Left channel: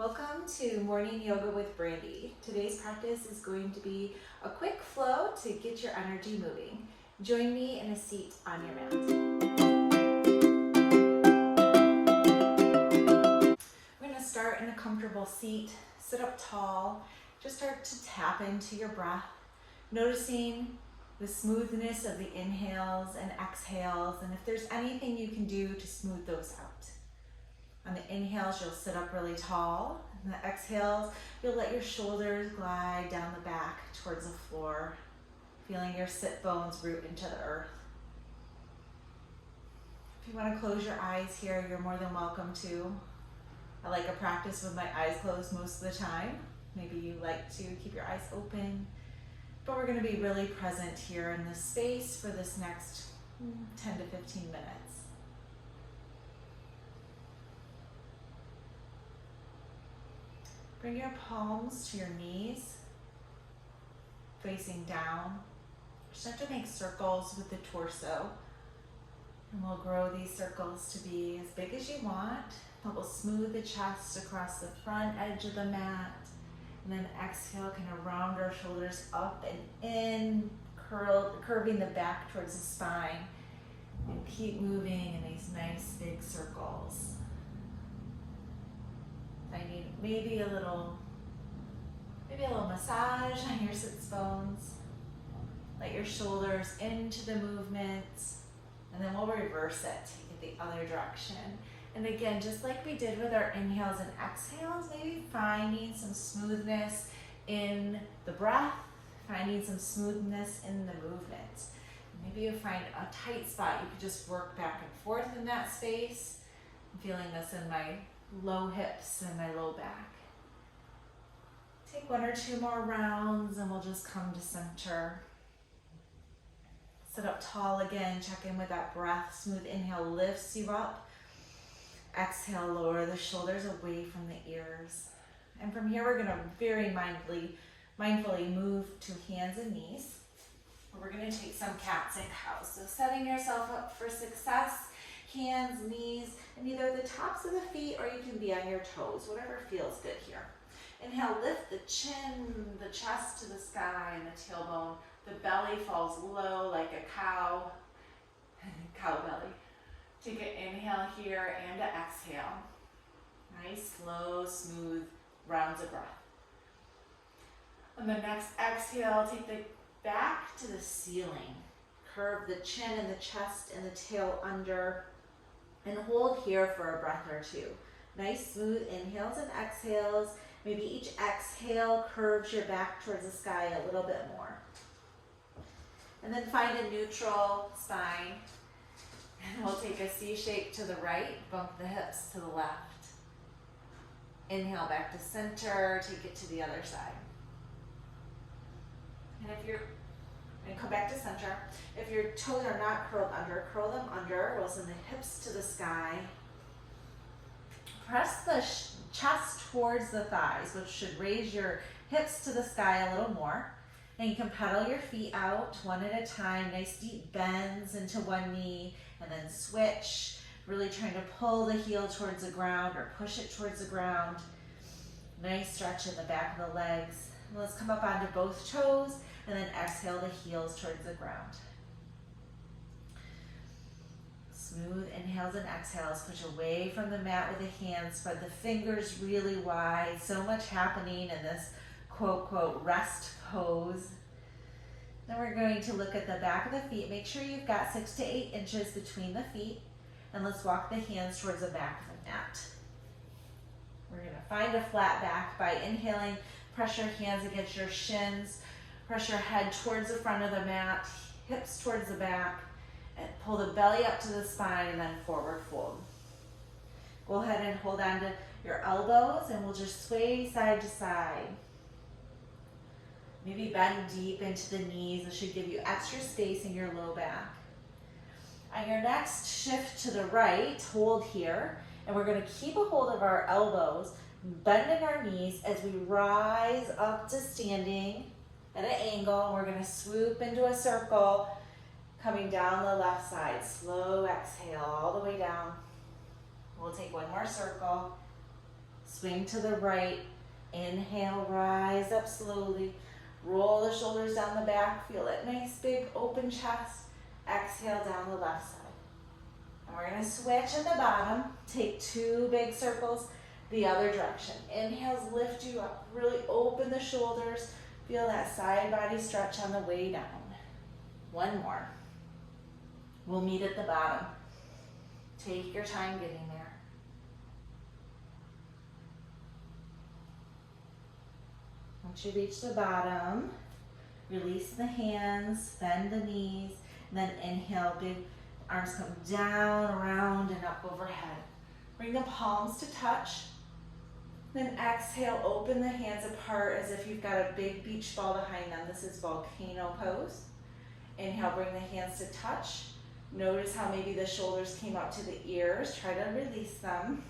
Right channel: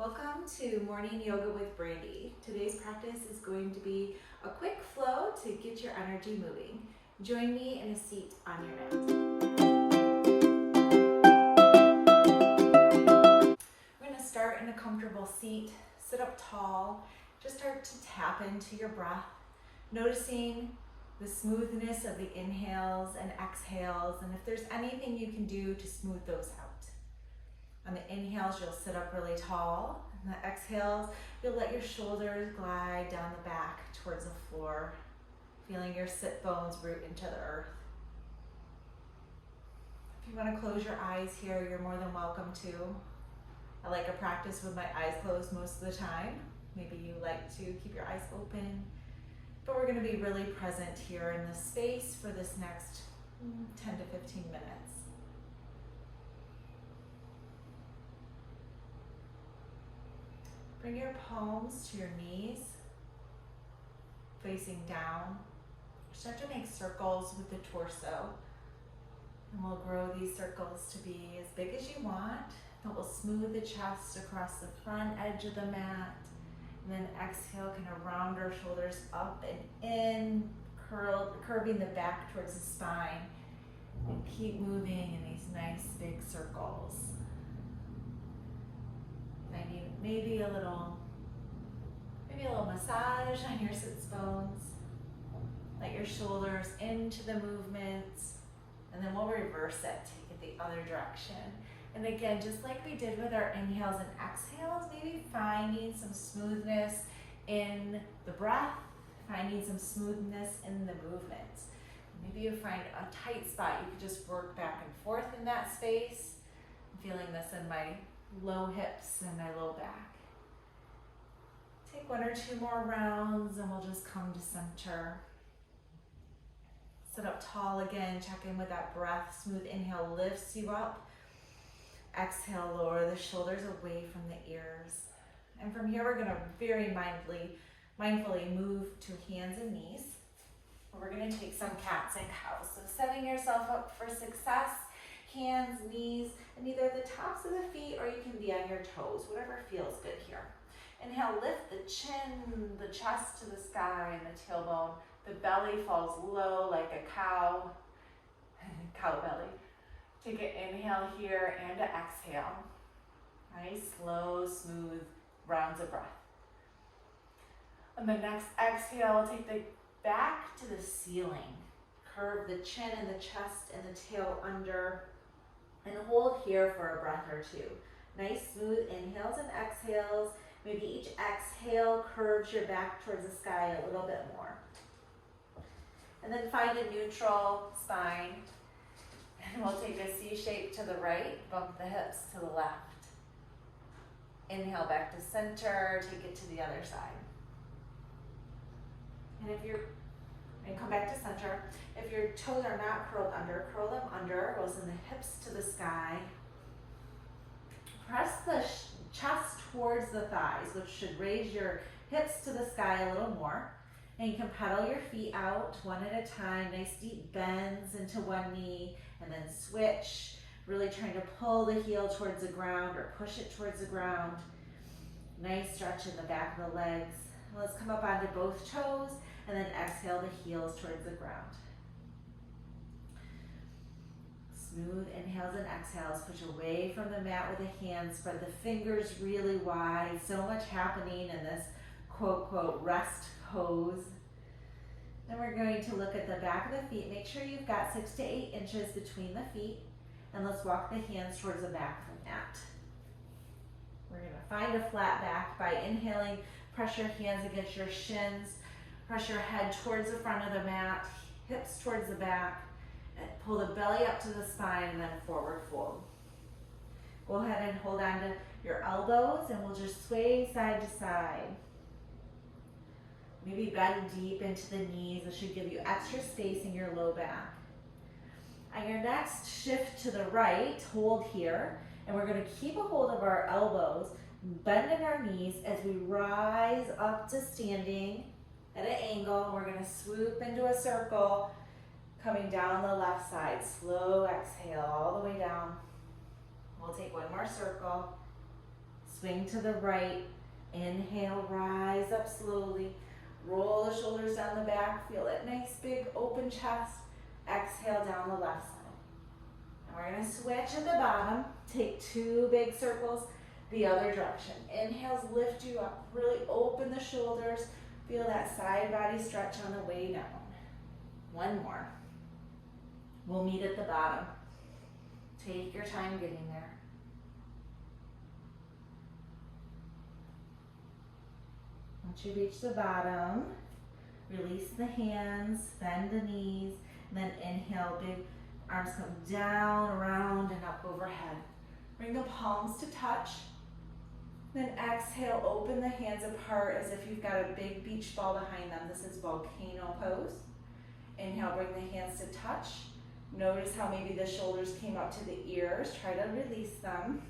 Welcome to Morning Yoga with Brandy. Today's practice is going to be a quick flow to get your energy moving. Join me in a seat on your mat. We're going to start in a comfortable seat, sit up tall, just start to tap into your breath, noticing the smoothness of the inhales and exhales, and if there's anything you can do to smooth those out. On the inhales, you'll sit up really tall. On the exhales, you'll let your shoulders glide down the back towards the floor, feeling your sit bones root into the earth. If you want to close your eyes here, you're more than welcome to. I like a practice with my eyes closed most of the time. Maybe you like to keep your eyes open, but we're going to be really present here in this space for this next 10 to 15 minutes. Bring your palms to your knees, facing down. Start to make circles with the torso. And we'll grow these circles to be as big as you want. That will smooth the chest across the front edge of the mat. And then exhale, kind of round our shoulders up and in, curving the back towards the spine. And keep moving in these nice big circles. I need maybe a little massage on your sits bones. Let your shoulders into the movement, and then we'll reverse it, take it the other direction. And again, just like we did with our inhales and exhales, maybe finding some smoothness in the breath, finding some smoothness in the movement. Maybe you find a tight spot, you could just work back and forth in that space. I'm feeling this in my low hips and my low back. Take one or two more rounds and we'll just come to center. Sit up tall again, check in with that breath. Smooth inhale lifts you up. Exhale, lower the shoulders away from the ears. And from here, we're gonna very mindfully move to hands and knees. We're gonna take some cats and cows. So setting yourself up for success. Hands, knees, and either the tops of the feet or you can be on your toes, whatever feels good here. Inhale, lift the chin, the chest to the sky and the tailbone. The belly falls low like a cow belly. Take an inhale here and an exhale. Nice, slow, smooth rounds of breath. On the next exhale, take the back to the ceiling. Curve the chin and the chest and the tail under. And hold here for a breath or two. Nice smooth inhales and exhales. Maybe each exhale curves your back towards the sky a little bit more. And then find a neutral spine. And we'll take a C shape to the right, bump the hips to the left. Inhale back to center, take it to the other side. And come back to center. If your toes are not curled under, curl them under. We'll send the hips to the sky. Press the chest towards the thighs, which should raise your hips to the sky a little more. And you can pedal your feet out one at a time. Nice deep bends into one knee, and then switch. Really trying to pull the heel towards the ground or push it towards the ground. Nice stretch in the back of the legs. And let's come up onto both toes. And then exhale the heels towards the ground. Smooth inhales and exhales. Push away from the mat with the hands. Spread the fingers really wide. So much happening in this quote, quote, rest pose. Then we're going to look at the back of the feet. Make sure you've got 6 to 8 inches between the feet. And let's walk the hands towards the back of the mat. We're going to find a flat back by inhaling. Press your hands against your shins. Press your head towards the front of the mat, hips towards the back, and pull the belly up to the spine and then forward fold. Go ahead and hold on to your elbows and we'll just sway side to side. Maybe bend deep into the knees. This should give you extra space in your low back. On your next shift to the right, hold here, and we're going to keep a hold of our elbows, bending our knees as we rise up to standing at an angle. We're going to swoop into a circle, coming down the left side. Slow exhale all the way down. We'll take one more circle. Swing to the right. Inhale, rise up slowly. Roll the shoulders down the back. Feel that nice big open chest. Exhale down the left side. And we're gonna switch at the bottom. Take 2 big circles the other direction. Inhales lift you up. Really open the shoulders. Feel that side body stretch on the way down. 1 more. We'll meet at the bottom. Take your time getting there. Once you reach the bottom, release the hands, bend the knees, and then inhale, big arms come down, around, and up overhead. Bring the palms to touch. Then exhale, open the hands apart as if you've got a big beach ball behind them. This is volcano pose. Inhale, bring the hands to touch. Notice how maybe the shoulders came up to the ears. Try to release them.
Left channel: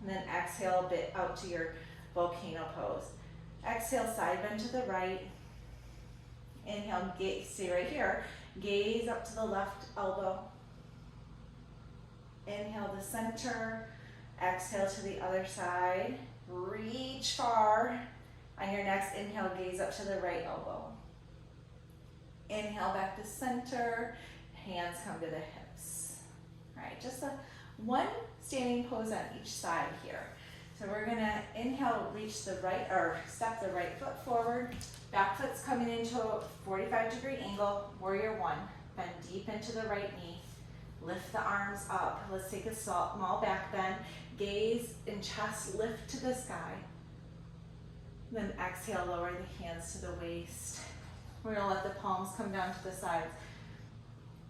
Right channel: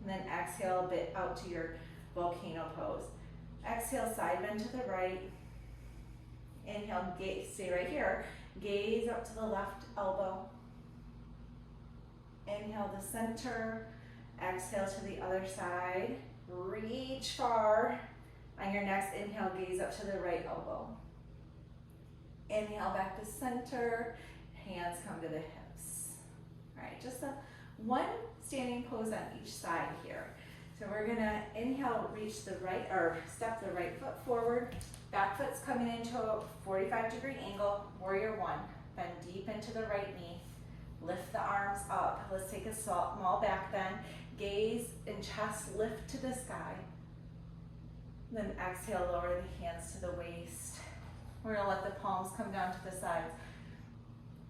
And then exhale a bit out to your volcano pose. Exhale, side bend to the right. Inhale, gaze, stay right here. Gaze up to the left elbow. Inhale to center. Exhale to the other side. Reach far. On your next inhale, gaze up to the right elbow. Inhale back to center. Hands come to the hips. All right, just one standing pose on each side here. So we're gonna inhale, reach the right, or step the right foot forward. Back foot's coming into a 45-degree angle. Warrior 1. Bend deep into the right knee. Lift the arms up. Let's take a small back bend. Gaze and chest lift to the sky. Then exhale, lower the hands to the waist. We're gonna let the palms come down to the sides.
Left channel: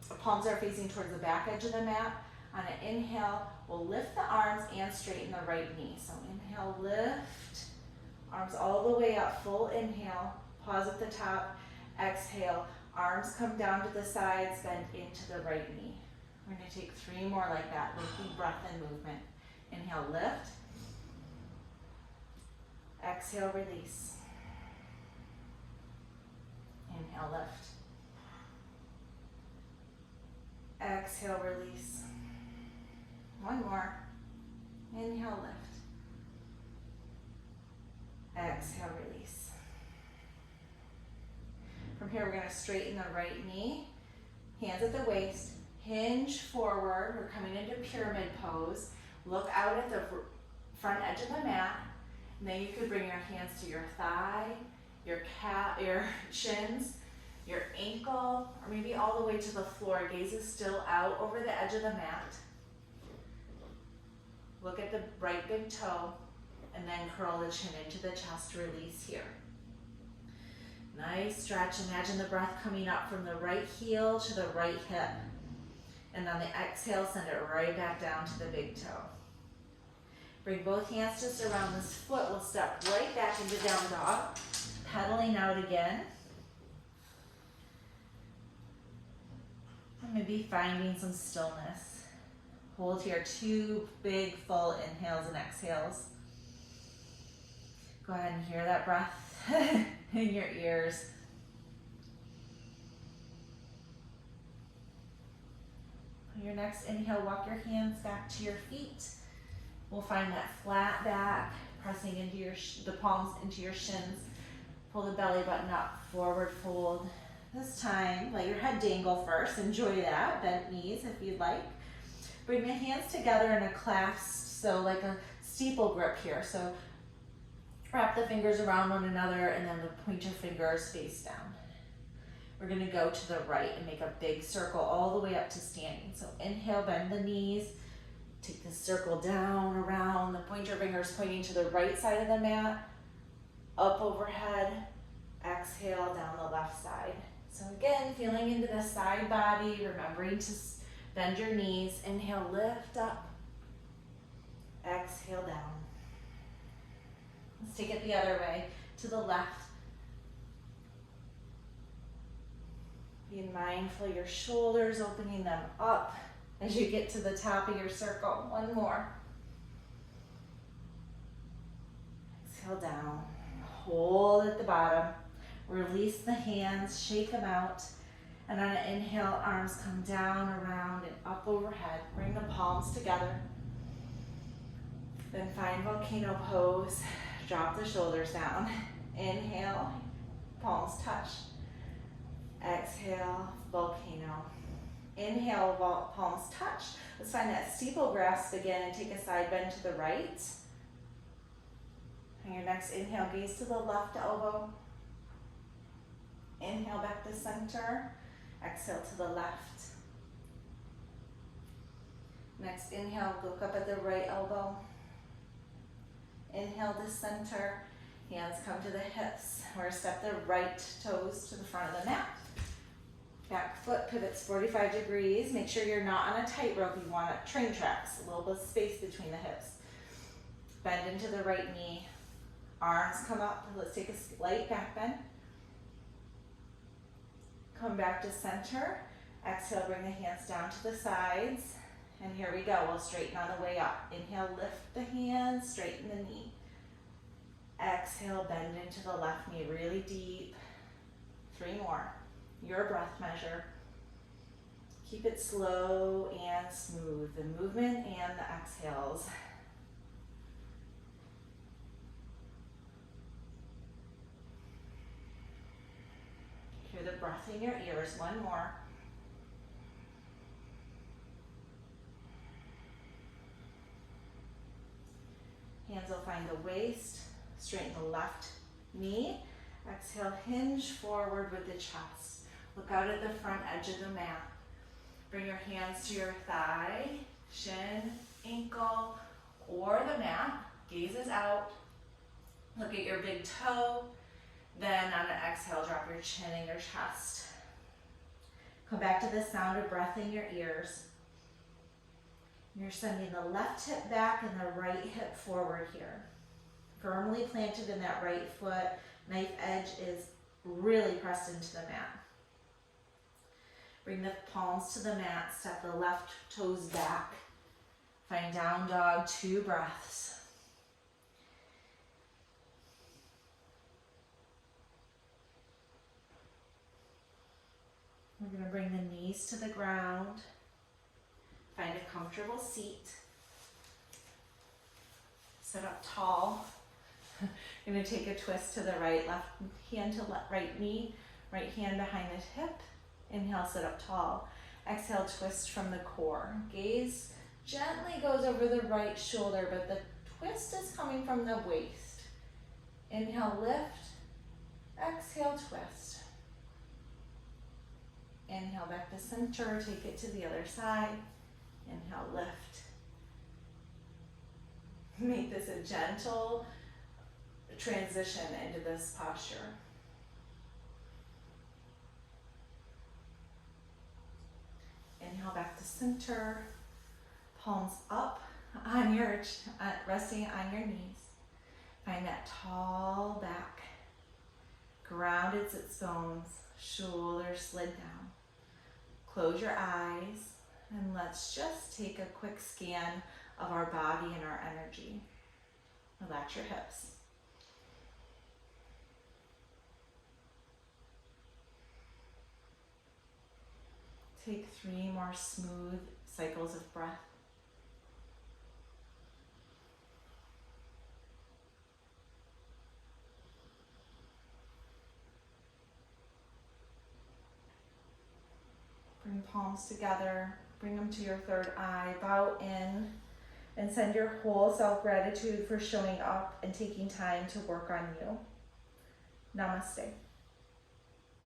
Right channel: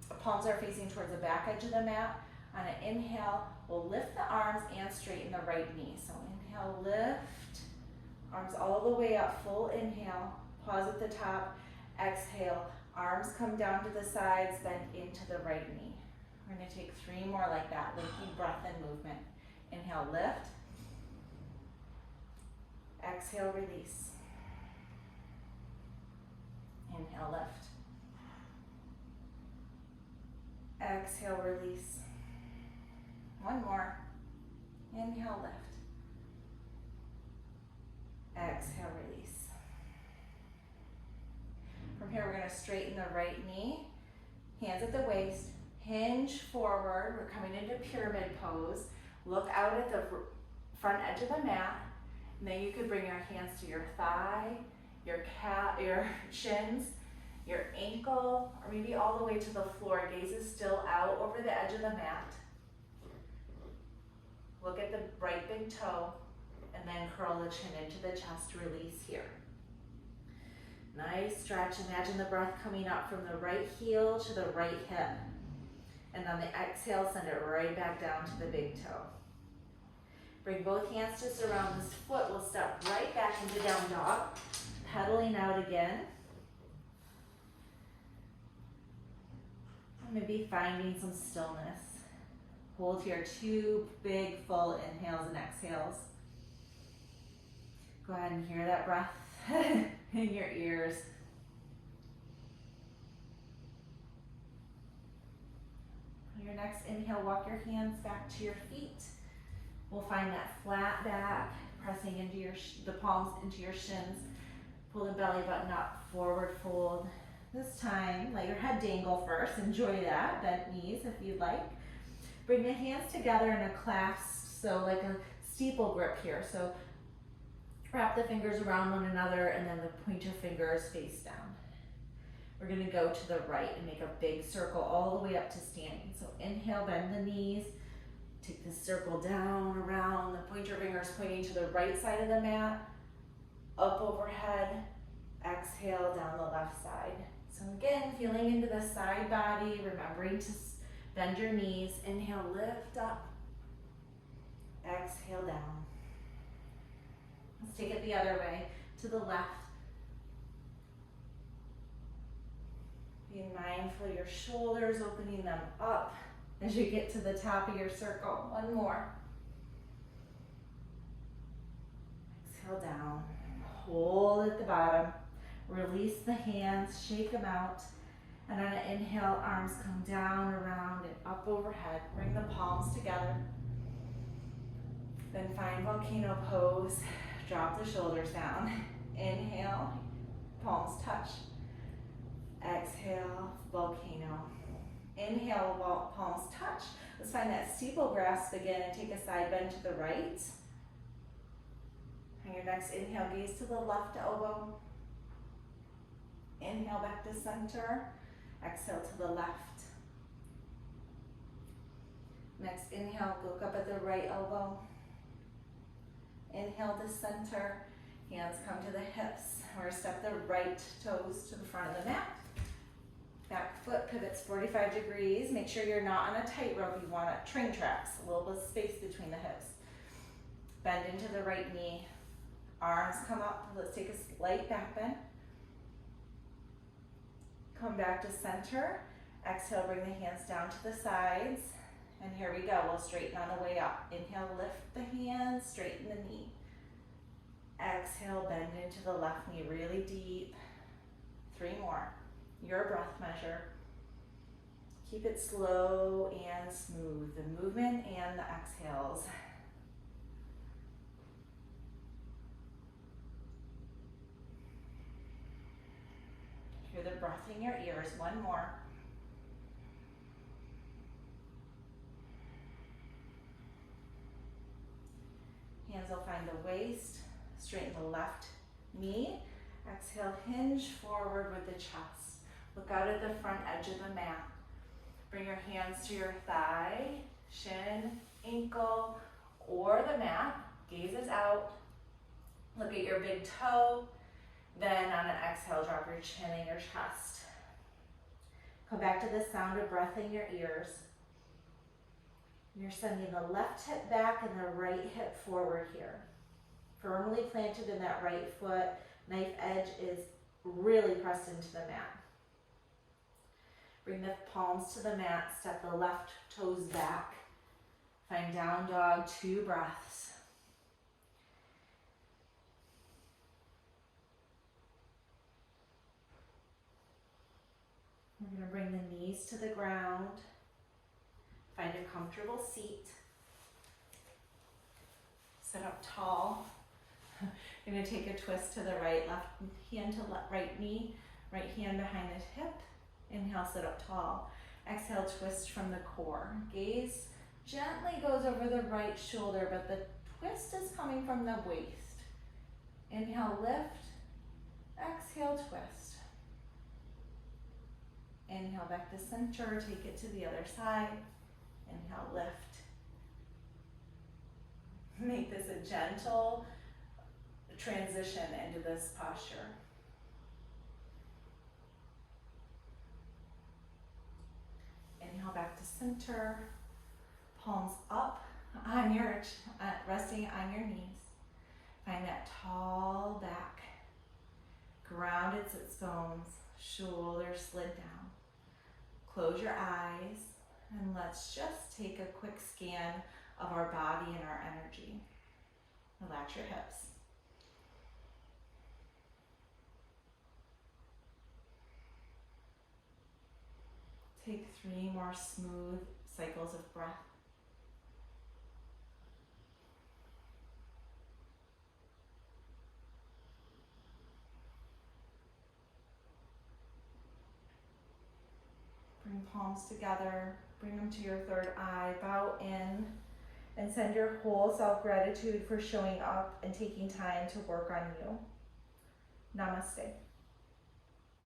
The palms are facing towards the back edge of the mat. On an inhale, we'll lift the arms and straighten the right knee. So inhale, lift, arms all the way up, full inhale. Pause at the top, exhale, arms come down to the sides, bend into the right knee. We're gonna take 3 more like that, lengthy breath and movement. Inhale, lift. Exhale, release. Inhale, lift. Exhale, release. 1 more. Inhale, lift. Exhale, release. From here, we're going to straighten the right knee. Hands at the waist. Hinge forward. We're coming into pyramid pose. Look out at the front edge of the mat. And then you could bring your hands to your thigh, your shins, your ankle, or maybe all the way to the floor. Gaze is still out over the edge of the mat. Look at the right big toe, and then curl the chin into the chest, release here. Nice stretch. Imagine the breath coming up from the right heel to the right hip. And on the exhale, send it right back down to the big toe. Bring both hands to surround this foot. We'll step right back into down dog. Pedaling out again. Maybe finding some stillness. Hold here, 2 big full inhales and exhales. Go ahead and hear that breath in your ears. On your next inhale, walk your hands back to your feet. We'll find that flat back, pressing into the palms into your shins. Pull the belly button up, forward fold. This time, let your head dangle first. Enjoy that, bent knees if you'd like. Bring the hands together in a clasp, so like a steeple grip here. So wrap the fingers around one another and then the pointer fingers face down. We're gonna go to the right and make a big circle all the way up to standing. So inhale, bend the knees. Take the circle down, around, the pointer fingers pointing to the right side of the mat, up overhead, exhale down the left side. So again, feeling into the side body, remembering to bend your knees. Inhale, lift up, exhale down. Let's take it the other way, to the left. Being mindful of your shoulders, opening them up as you get to the top of your circle. 1 more. Exhale down. Hold at the bottom. Release the hands, shake them out. And on an inhale, arms come down, around, and up overhead. Bring the palms together. Then find volcano pose. Drop the shoulders down. Inhale, palms touch. Exhale, volcano. Inhale, palms touch. Let's find that steeple grasp again and take a side bend to the right. On your next inhale, gaze to the left elbow. Inhale back to center. Exhale to the left. Next inhale, look up at the right elbow. Inhale to center. Hands come to the hips. We're going to step the right toes to the front of the mat. Back foot pivots 45 degrees. Make sure you're not on a tightrope. You want train tracks, a little bit of space between the hips. Bend into the right knee. Arms come up. Let's take a slight back bend. Come back to center. Exhale, bring the hands down to the sides. And here we go. We'll straighten on the way up. Inhale, lift the hands, straighten the knee. Exhale, bend into the left knee really deep. 3 more. Your breath measure. Keep it slow and smooth, the movement and the exhales. Hear the breath in your ears. 1 more. Hands will find the waist. Straighten the left knee. Exhale, hinge forward with the chest. Look out at the front edge of the mat. Bring your hands to your thigh, shin, ankle, or the mat. Gazes out. Look at your big toe. Then on an exhale, drop your chin in your chest. Come back to the sound of breath in your ears. You're sending the left hip back and the right hip forward here. Firmly planted in that right foot. Knife edge is really pressed into the mat. Bring the palms to the mat. Step the left toes back. Find down dog, 2 breaths. We're going to bring the knees to the ground. Find a comfortable seat. Sit up tall. You're going to take a twist to the right, left hand to right knee, right hand behind the hip. Inhale, sit up tall. Exhale, twist from the core. Gaze gently goes over the right shoulder, but the twist is coming from the waist. Inhale, lift. Exhale, twist. Inhale, back to center. Take it to the other side. Inhale, lift. Make this a gentle transition into this posture. Inhale back to center, palms up on your resting on your knees. Find that tall back, grounded sits bones, shoulders slid down. Close your eyes and let's just take a quick scan of our body and our energy. Relax your hips. Take 3 more smooth cycles of breath. Bring palms together, bring them to your third eye, bow in, and send your whole self gratitude for showing up and taking time to work on you. Namaste.